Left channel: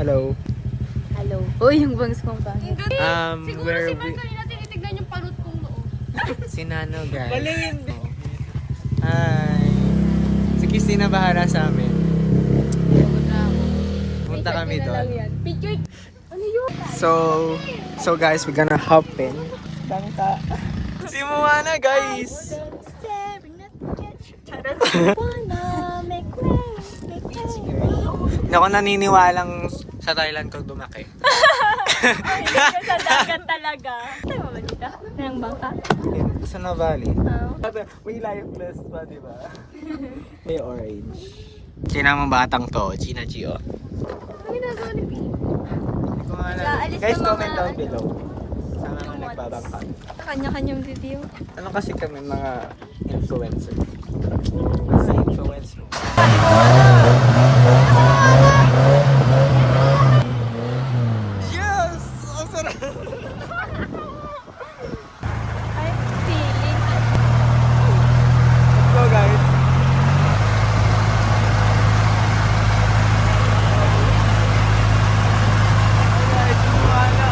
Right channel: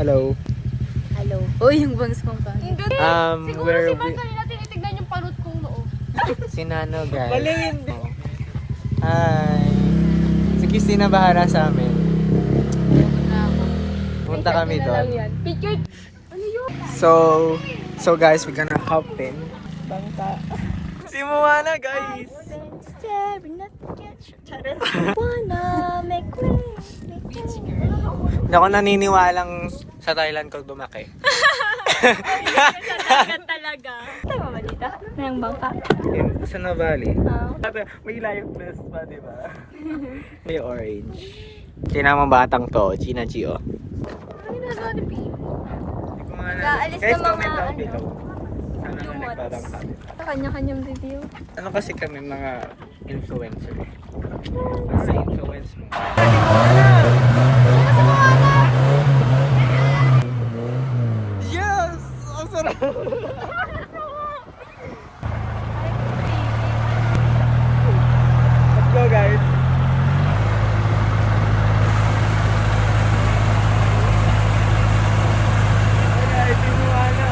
Hello. Hello. Uy, yung bangs mong pangit. Where Siguro si Frank kanina tinitignan yung parot kong noo. Si Nano, guys. Bali hindi. Hi. Si Christina bahala sa amin. Pagod na ako. Punta kami doon. Picture. Ano yun? So guys, we're gonna hop in. Bangka. Si Moana, guys. Hindi ako naniniwalang sa Thailand ko lumaki. Talaga. Tayo ba dito? Nang bangka. Sa Navali. May live plus pa, di ba? May orange. Sinamang batang to, Gina Gio. Ano ginagawa ni Pete? Guys, comment down below. Sana nga nagbabangka. Kanya-kanyang video. Ano kasi kami mga influencer? Ano influence mo? Yes! Ang sarap! Let's go, guys! Guys, yung mga ano.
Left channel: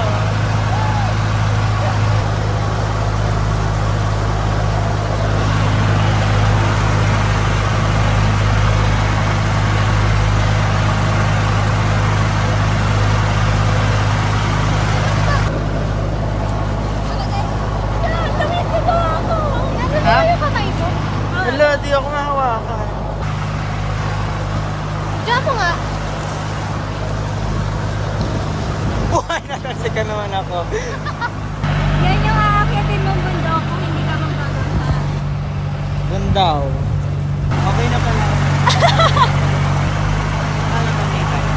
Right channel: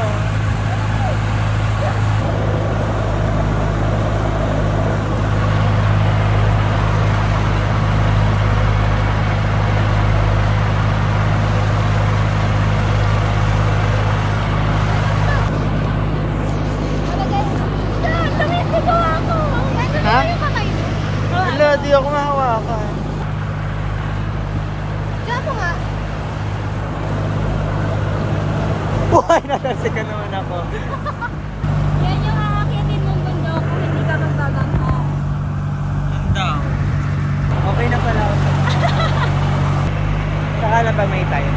Ha? Hala, di ako mahawakan. Diyan po nga. Buhay, natasik ka naman ako. Yan yung aakitin mong bundok kung hindi ka magbagong ha. Bundaw. Okay na pala ako. Saka na pa may time.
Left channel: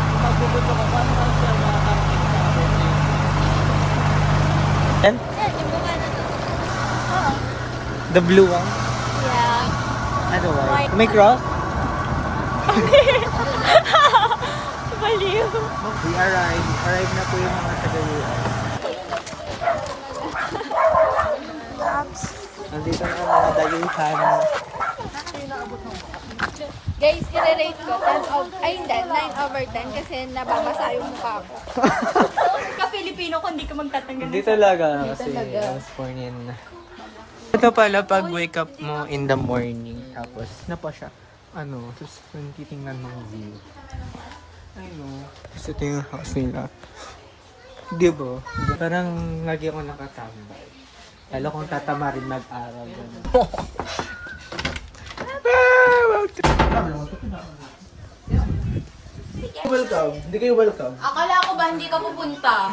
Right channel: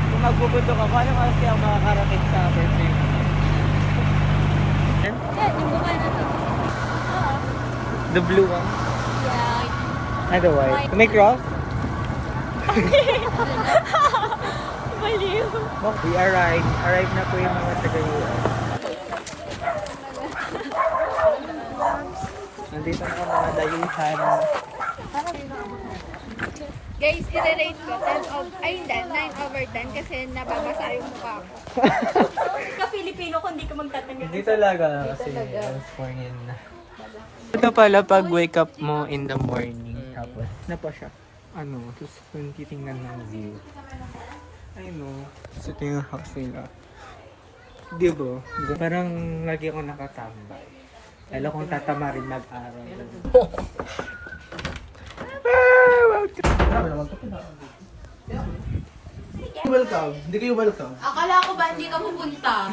Kung magbubundok ako, ano kasi ang makakarating sa birthday? And? The blue one? Ano white? May cross? Baliw. We arrived. Arrived na po yung mga taga-US. Nandito na kami mga dayuhan. Guys, i-rate ko 9/10 kasi nababasa yung mukha ko. Ka-Filipino kung hindi ka magtatanggal. Hindi talaga kasi I was born in... Ito pala pag wake up mo in the morning, tapos na pa siya. Ano, tapos kung titingnan mo yung view. I know. Tapos ito yung house nila. Di ba? Parang lagi ako nakatambay. Lalo kung tatama rin mag-aral. Welcome. Hindi kayo welcome. Akala ko ba hindi ka pupunta?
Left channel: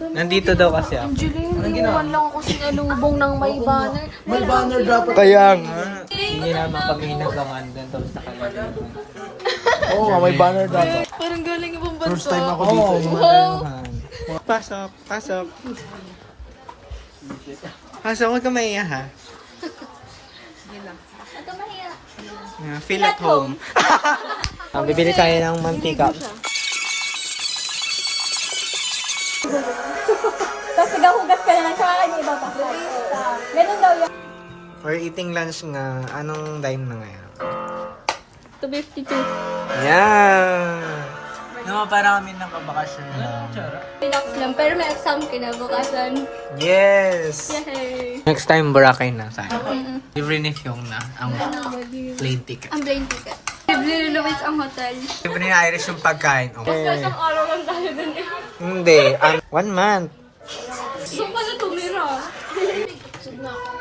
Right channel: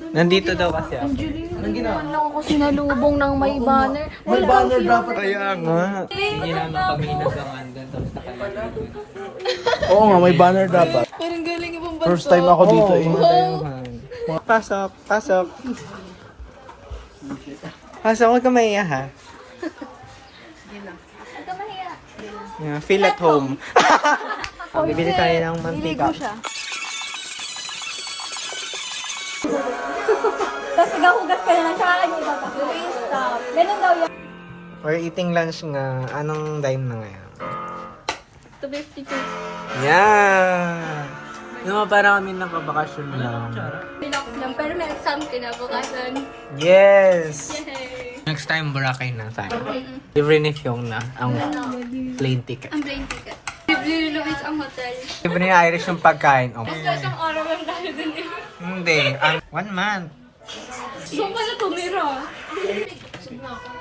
Nandito daw kasi ako. Hindi naman lang ako sinalubong ng may banner. May banner dapat. Kaya nga. Hindi nila mapaghinag ang andun tapos nakalagay. Oo, may banner dapat. Parang galing ibang bansa. First time ako dito. Mga dayuhan. Pasok, pasok. Pasok, huwag ka maiya ha. Huwag ka mahiya. Yeah, feel at home. Bibili tayo ng mantika. Tapos pag-hugas ka na siya, ano ba? Stop. Ganun daw yun. We're eating lunch nga. Anong time na ngayon? 252. Yeah! Yung mga parang kami nakabakasyon lang. Relax lang. Pero may exam kinabukasan. Yes! Yay! Next time, Boracay na tayo. Libre ni Fiong na ang plane ticket. Ang plane ticket. Libre Louis ang hotel. Libre ni Irish yung pagkain. Oh. Isang araw lang tayo dun eh. Hindi, 1 month. Saan pala tumira? Sub na ako.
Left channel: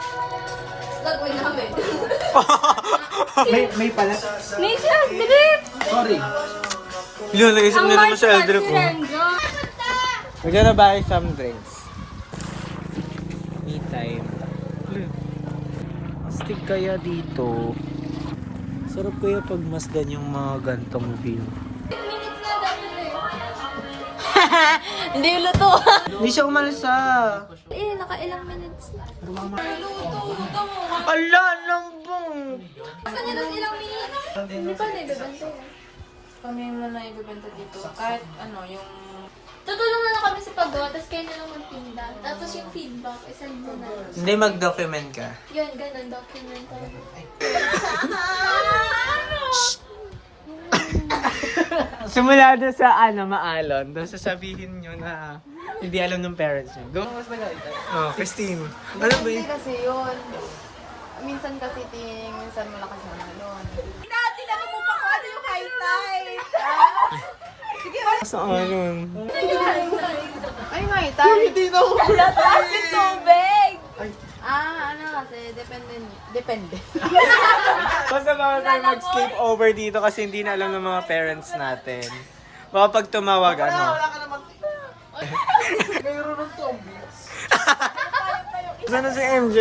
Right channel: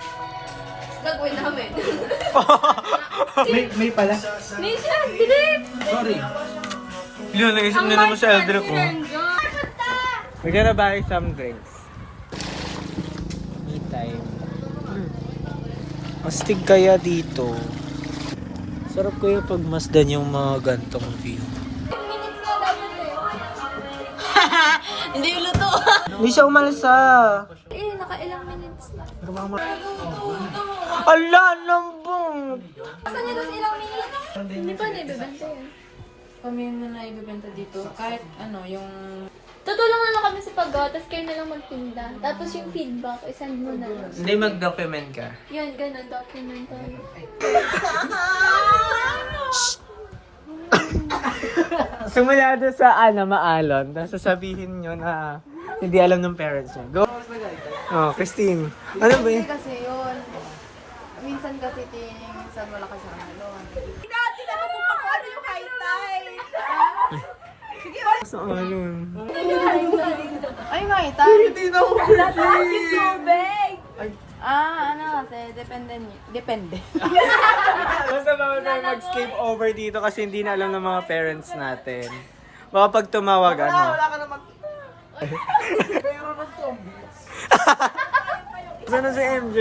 Gagawin namin. May pala. Nisha, delete! Sorry. Yun, naisip na naman sa elder ko. We're gonna buy some drinks. Me time. Astig kaya dito. Sarap kaya pag masdan yung mga gantong view. Hindi luto. Hindi siya umalis Nakailang minutes na. Ala, lambong! Hindi pa naibibenta yan. Kami mo na ibibenta dito. Kahit ano, yung... Tutulungan lang kami sa paggawa, tapos kayo na lang magtinda. Tapos yung feedback, isend mo na lang. Hindi mag-document ka. Yun, ganun, documentary. Simula doon sa maalon. Tapos sasabihin nyo na hindi alam ng parents nyo. Go! Oh, Christine. Ano ba yun? Kasi yun, minsan kasi minsan malakas ang alon. Tinanong mo pa kung ano yung high tide. Sa alon. Ay, may tayo. Hindi na ako Plastic tubig. Kasi depende. Basta bawal tayo mag-sleep over dito kasi hindi na alam ng mga parents natin. Baka pag tumawag, ano. Wala ka naman. Mayroon ng zombies. Sana si MJ.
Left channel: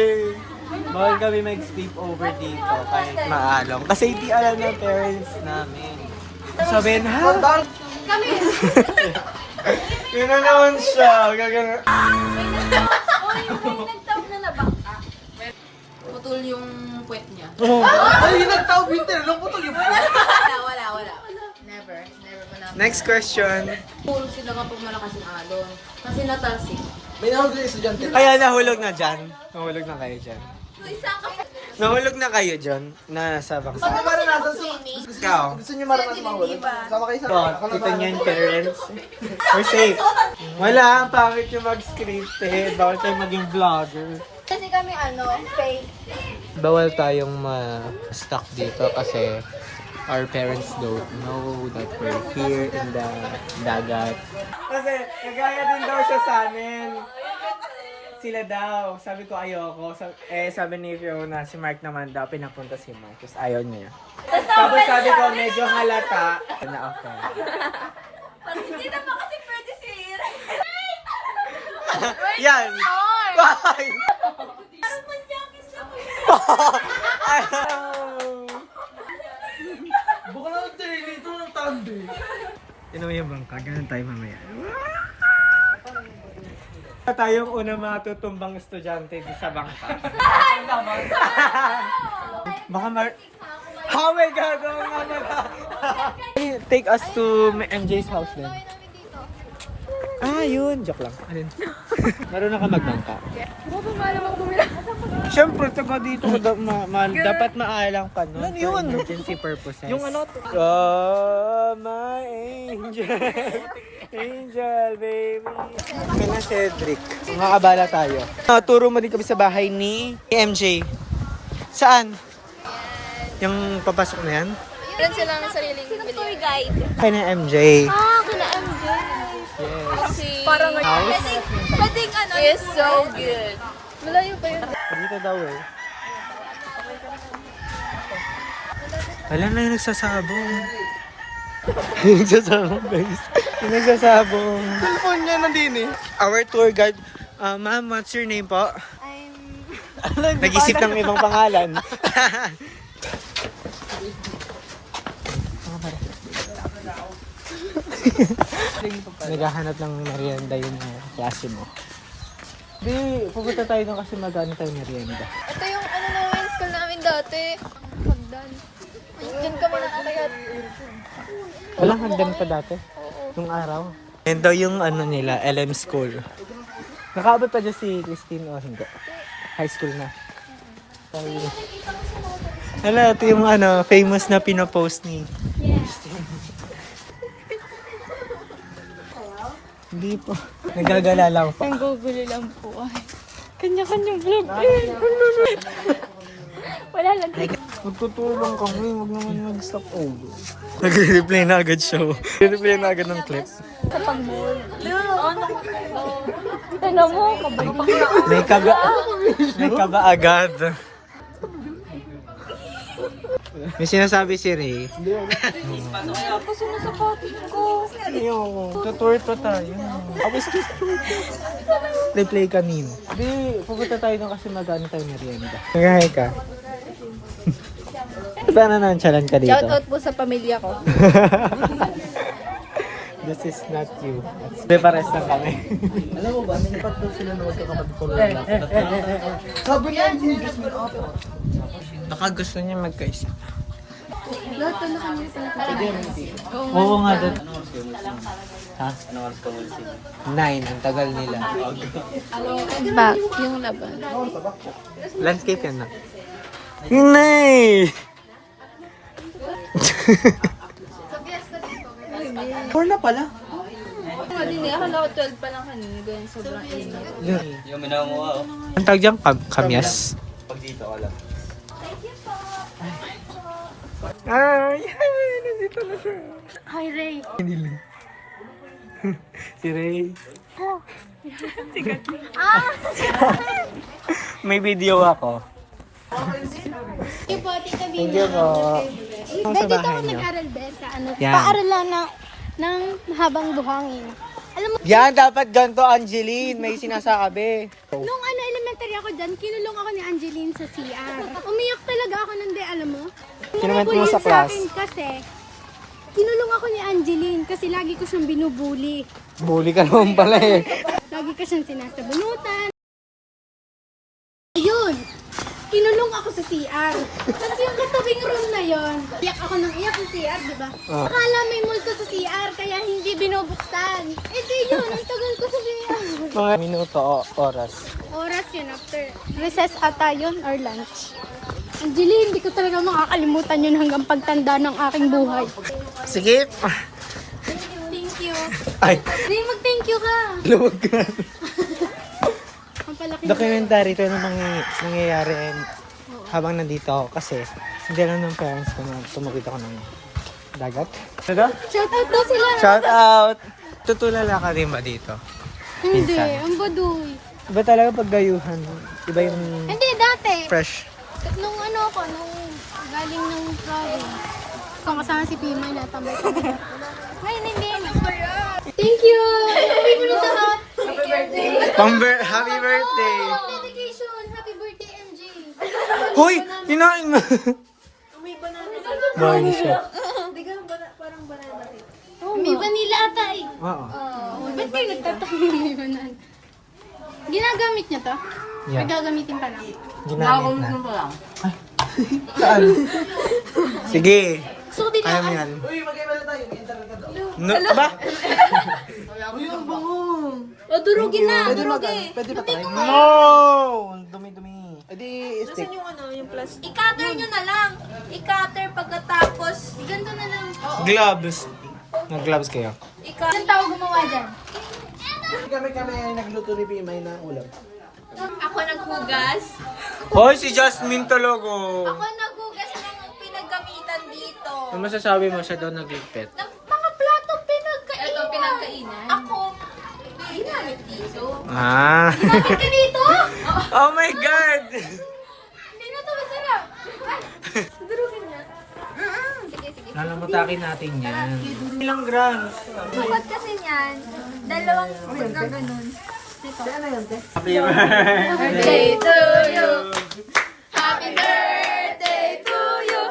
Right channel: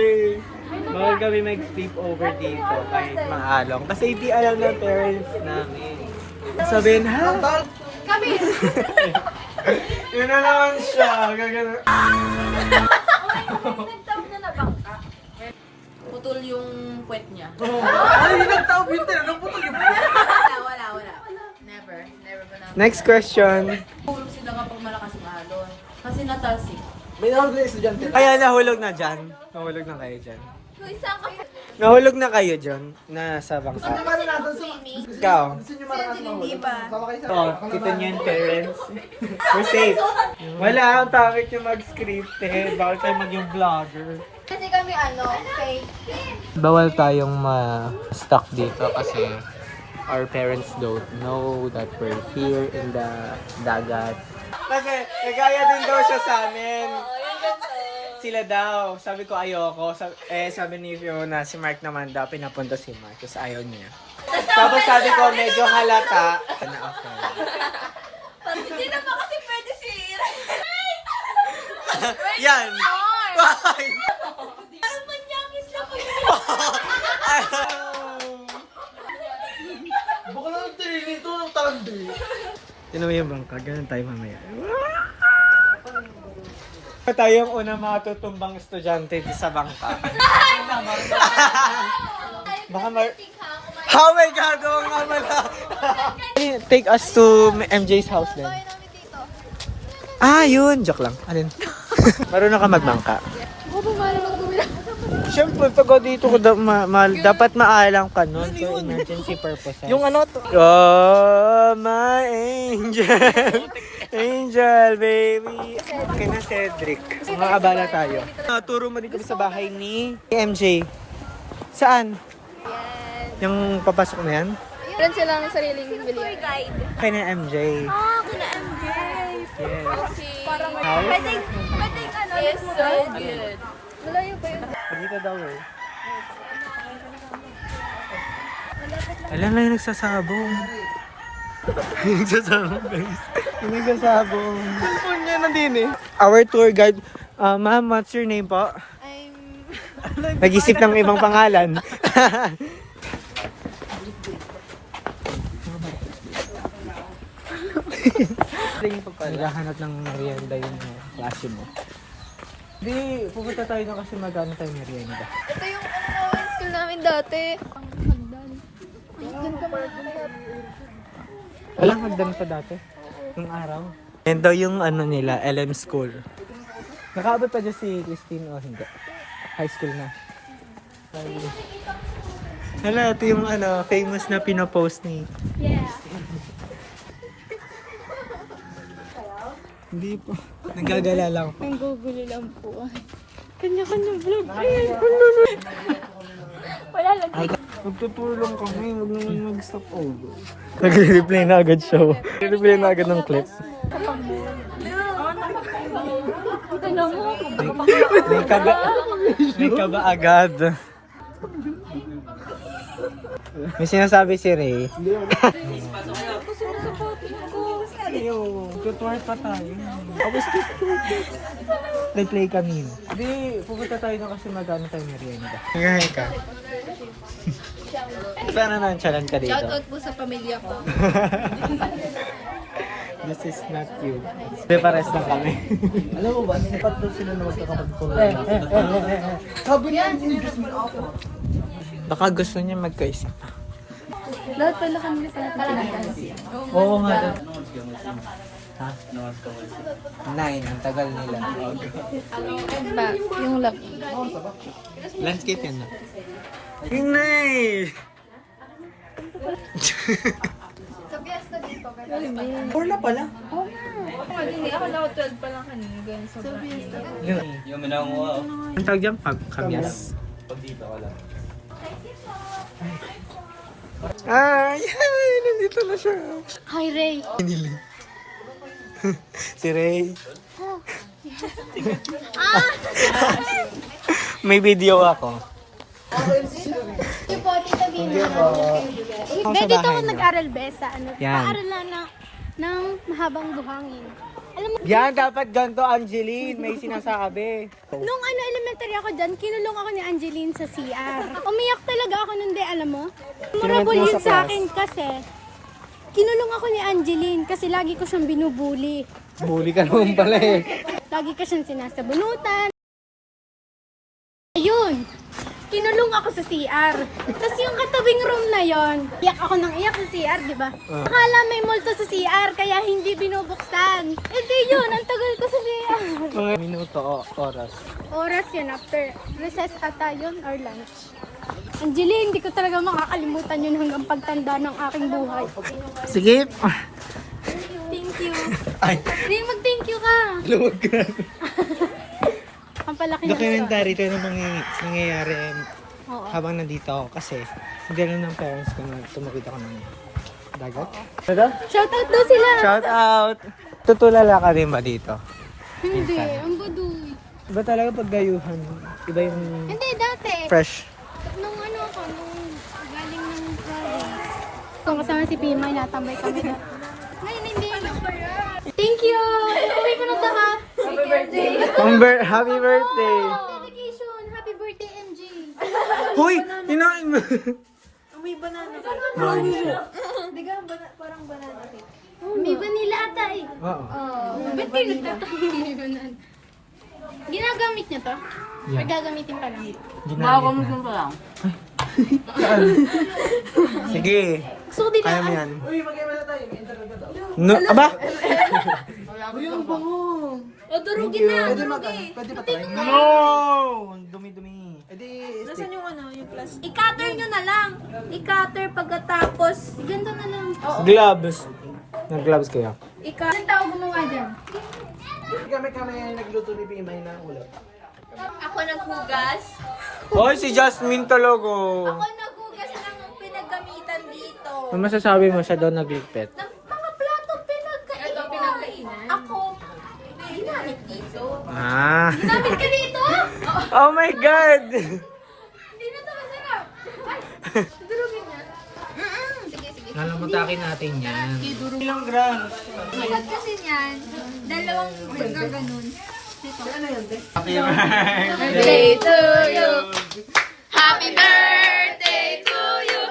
Bawal kami mag-sleep over dito kahit maalong. Kasi hindi alam ng parents namin. Sabihin, ha? Kami! Yun na naman siya. Gagana. Nagtawag na nabangka. Putol yung puwet niya. Ay, yung nagtawag winter. Anong putol yung Wala. Never pa na. Next question. Pulong sila kapag malakas yung alon. Kasi natalsik. May nahulog na estudyante. Kaya nahulog na dyan. Nahulog na kayo dyan. Nahulog na kayo dyan. Nasa bangka. Para natin sa... Ikaw. Gusto niyo maranas mahulog? Sama kayo sa... Oh, kita niyo yung parents. We're safe. Wala, ang pangit yung mag-scripted. Bawal tayo maging vlogger. Kasi kami fake. Bawal tayong ma-stuck dito kasi our parents don't know that we're here in the dagat. Kasi nagaya din daw siya sa amin. Sila daw. Sabi ko ayoko. Sabi ni Fiona, si Mark naman daw, pinapunta si Mark. Tapos ayaw niya. Tapos sabi ko, medyo halata. Na okay. Hindi naman kasi pwede si Yan! Why? Parang manyakis lang ko yun. Baka lang nag-train ito ng thunder. Tinan mo yung bangka, ganun tayo mamaya. Tayong unang matutumbang estudyante sa bangka. Baka Oh my God! Oo nga pala! Take us to MJ's house then. Yun! Joke lang. Alin? Marunong ka magbangka. Oo, pumalam ako bumila. Siyempre, taga dito dapat maalam ka nun for emergency purposes. Yung ano to? Oh, my angel. Angel, baby. Kaya na Cedric. Makabala tayo. Turo mo din kami sa bahay ni MJ. Saan? Yung papasok na yan? Yan sila ng sariling bili. Kaya ni MJ. Kina MJ. Yes. Parang House? Pwedeng yes, so good. Malayo pa yun. Dito daw eh. Wala na yung nagsasabong. Yung nagsasabong guys. Yung nagsasabong. Cellphone niya nandun eh. Our tour guide. Ma'am, what's your name po? Nag-isip ng ibang pangalan. Naghahanap ng merienda yung klase mo. Di, pupunta tayo doon kasi mag-ano tayo merienda. Ito yung namin school namin dati. Hagdan. Diyan kami nakakayat. Walang hagdan pa dati? Yung araw? Yan daw yung nila, LM School. Nakaabot pa dyan si Christine o hindi? High school na. Hala, ito yung famous na pinopost ni Hindi po. Nagagala lang po. Naguguli lang po. Kanya-kanyang vlog. Wala lang. Magtutulong kami, wag naman mag-stop over. Nagre-replay na agad siya. Nagre-replay na agad ng clip. Ano mo? May kaba agad. May sinasabi si Ray. Tapos yung sapatos ko. Yo, tutor pa tayo. Tapos play kanina. Di, pupunta tayo na kasi mag-ano tayo merienda. Ngayahe ka. Sana nonchalant ka dito. Shout out po sa pamilya ko. This is not you. Prepares na kami. Alam mo ba, sipat daw sila na magkakapag ko lang. Sabi niya, Baka gusto niya magkaisa. Lahat pala kanina pa natin pinagkasi. Oo nga. Ha? 9, ang tagal nila. Back, yung laban. Landscape yan na. Hinay! 4 na pala. Hindi, akala ko 12 pa lang kanina. Ganyan, sobrang init. Yung minanguha, oh. Ang tawag dyan? Kamyas? Ay, nandito na siya. Hi, Ray. Si Ray. May video ako. Yung po, Tita Hindi Bina. po. Be, dito ako nag-aral, be, sa ano. Yan. Paaral lang ng mahabang buhangin. Alam mo, Yan, dapat ganito, Angeline. May sinasabi. nung elementary ako dyan, kinulong ako ni Angeline sa CR. Umiyak talaga ako nun, de, alam mo? Memorable Kinuwento mo yun sa sa class? akin kasi kinulong ako ni Angeline kasi lagi ko siyang binubuli. Bully ka naman pala eh. Lagi ko siyang sinasabunutan. Ayun! Kinulong ako sa CR. Tapos yung katabing room na yon, iyak ako ng iyak sa CR, di ba? Oh. Akala may multo sa CR, kaya hindi binubuksan. Eh di yun, ang tagal ko sa CR. Mga minuto o oras. Oras yun, after recess ata yun or lunch. Angeline, hindi ko talaga makakalimutan yun hanggang pagtanda ng aking buhay. Sige. Thank you. Ay, Ray, mag-thank you ka. luwag ka. Ang palaki na. Documentary ito yung nangyayari Oo. habang nandito ako kasi hindi lang yung parents ko na tumukit ako ng dagat. Diba? Shout out daw sila. Shout out! Tutulala ka din ba dito? Hindi, Minsan. ang baduy. Iba talaga pag dayuhan. Iba yung Hindi, dati. fresh. Nung ano ako, nung galing ng province. Kung kasama si Pimay, natambay ko. Ngayon, hindi. Thank you! Happy mo na lahat. Happy birthday! Dedication! Happy birthday, MG! Hoy! Hinain mo! May siya. May vanilla ata eh. Oo. Ba't kayo nagtatangin may banana? Ginagamit niya to? Yan. Or gagamitin ka lang? Ginamit na. Saan? Sige. Gusto ko dito. Kaya mo yan. No, aba? O, durugin na. Durugin. No! Dumi-dumi. I-cutter nyo na lang. I-cutter pagkatapos. Ganito na lang. Gloves. Nag-gloves kayo? Ilang tao gumawa dyan? Kami ay nagluto ni Bimay ng ulam. Ako naghugas. Hoy, si Jasmine talaga. Ako naghugas ng pinaggamitan dito. Ano masasabi mo siya daw nagligpit? Ng mga plato pinagkainan. Ako, ginamit dito. Ah. Ginamit ka dito? Oh my God! Hindi na ito masarap. Durugin na. Sige, sige. Lalamutakin natin yan. Ilang grams? Bukod kasi niyan, dalawang ganun. Happy birthday to you. Happy birthday to you.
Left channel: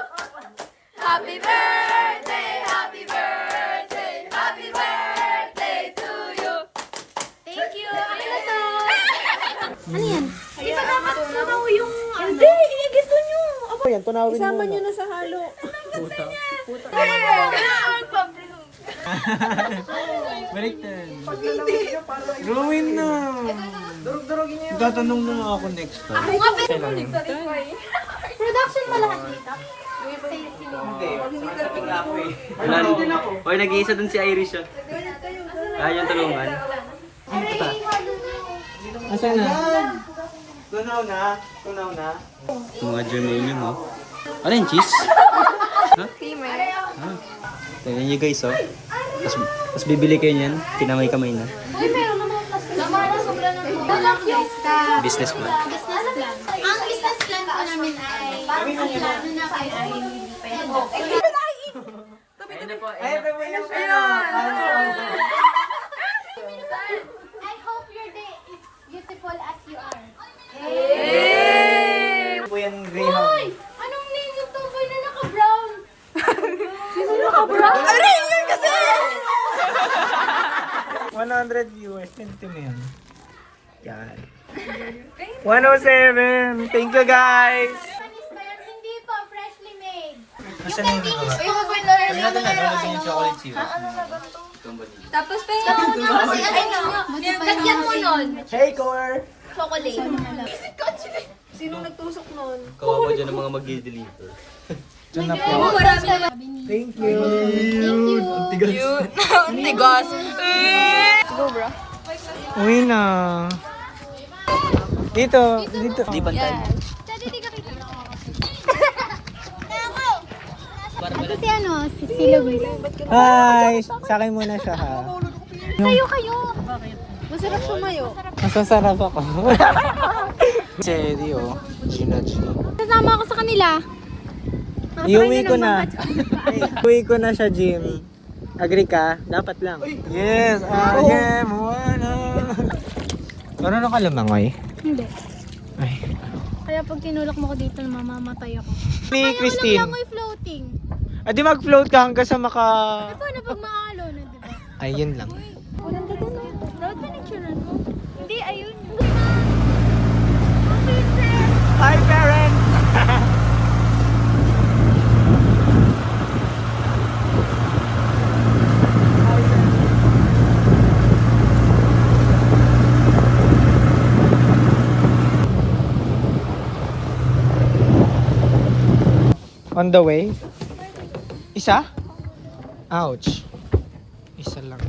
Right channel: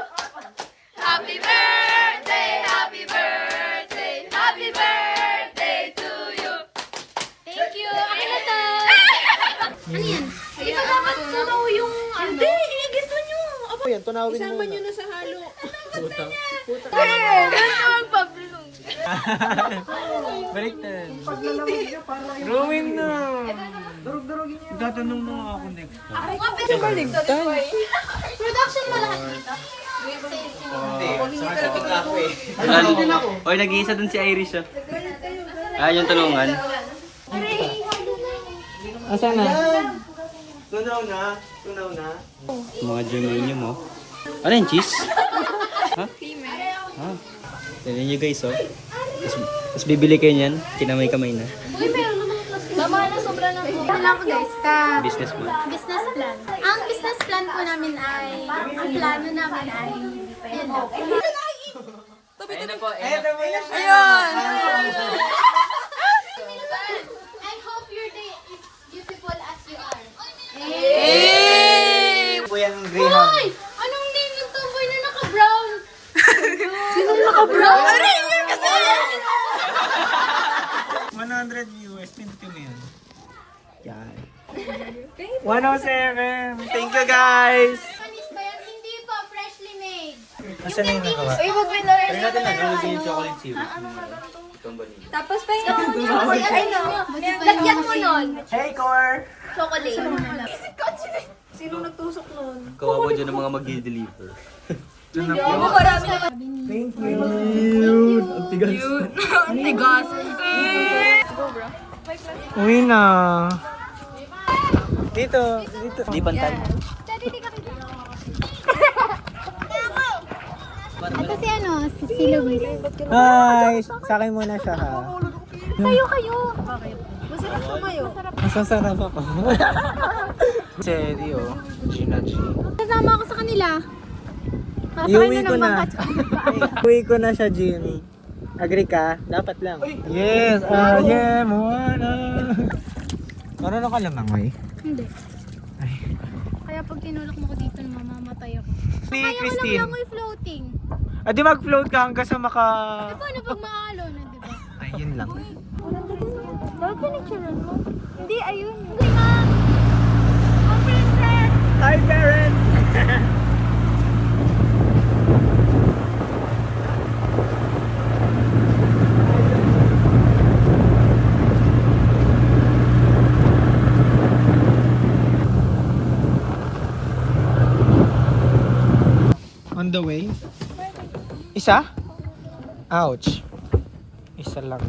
Happy birthday, happy birthday, happy birthday to you. Thank you. Ano na to? Ano yan? Di ba dapat tunaw yung ano? Hindi, gusto nyo. Yan, tunawin mo. Isama nyo na. Sa halo. Puta. Baliktad. Gawin na. Durug-durugin niya. Tatanong na ako next time. Ako nga pero production mo lahat dito? Oy, nag-iisa dun si Irish ah. Yung tulungan. Asan na? Tunaw na. Tunaw na. Mga germanium oh. Ano yung cheese? Ha? Ha? Tingnan nyo guys oh. Tapos bibili kayo niyan, kinamay-kamay na. Mama, na sobra na po. Ito lang guys, Business plan. business plan. Ang business plan po namin ay, ang plano namin ay, ayan na. I hope your day is beautiful as you are. Po yan, Greyhound. Hoy! Anong name yung tomboy na naka-brown? Sino naka-brown? Aray, yun kasi! 100 viewers. Pinto mo yan. Yan. 107. Thank you guys. Panis ba yan? Hindi po, freshly made. Asan na yung nagawa? Huwag natin nalagay yung chocolate chip. Tapos pa yung kasi ano, lagyan mo nun. Hey, Core! Chocolate. Kawawa dyan ang mga mag-deliver. Ito na po. Thank you. Cute. Ang tigas. Uwi na. Dito. Di bantay. Ito si ano, si Luis. Hi! Sa akin muna siya ha. Kayo. Masarap tumayo. Masasarap ako. Cherry oh. Gina. Kasama ako sa kanila. Iuwi ko na. Iuwi ko na siya, Jim. Agree ka? Dapat lang. Yes, I am one. Ano na kalamangoy? Hindi. Ay. Kaya pag tinulak mo ko dito, mamamatay ako. Ni Kaya Christine. walang langoy floating. Di mag-float ka hanggang sa maka... Paano pag maalo na, di ba? Ayun lang. Dapat pinicturean mo. Hindi, ayun. Hindi na. Okay, sir. Hi, parents! On the way? Isa? Ouch. Isa lang.